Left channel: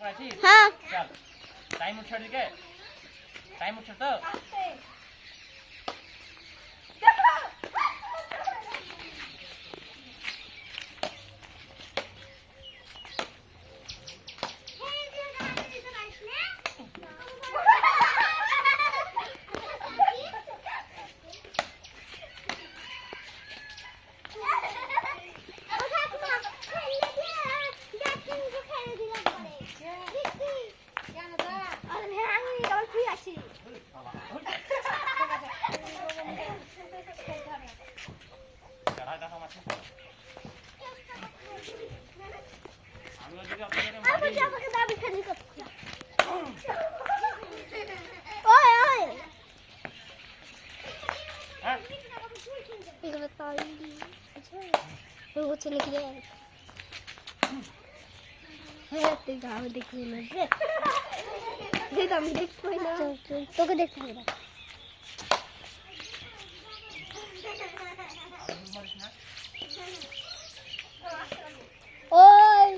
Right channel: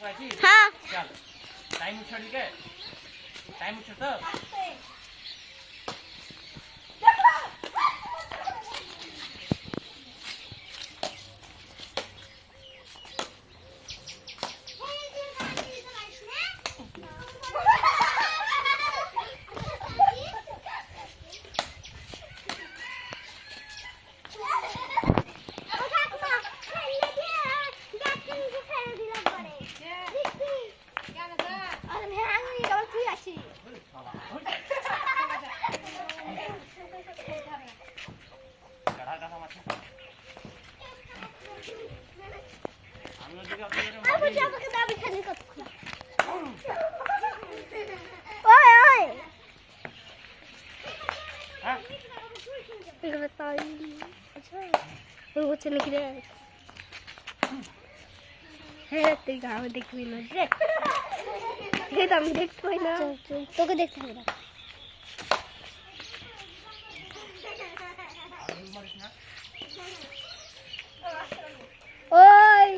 हाँ चल टाइम छोड़ी के टाइम छोड़ तो चले कि गाँव देखबी ना देखो ना তোকে দেখতে হবে ওই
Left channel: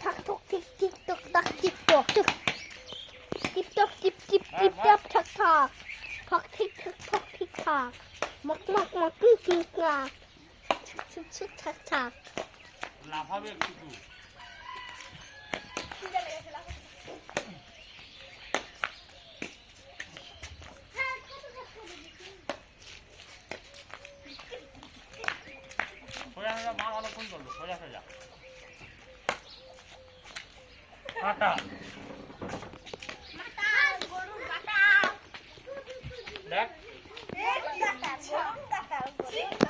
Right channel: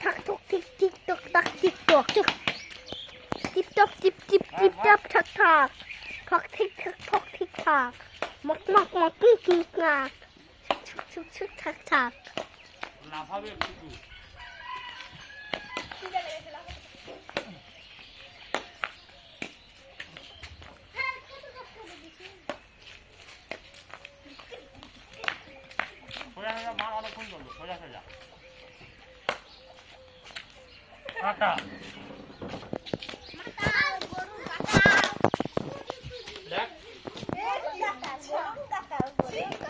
ঠাক ঠক টিক টিক টক টাক টিক টক টক টিপ টক টিপ টিপ টিপ টক ঠাক ঠাক ঠক ঠিক ঠাক ঠক ঠিক ঠাক মক মক মক ঠিক ঠিক ঠাক ছুক ছুক ঠাক ঠাক না হবে একটু কাটা মাথা গরু কাটা দেখ গরু কাটা গরু কাটা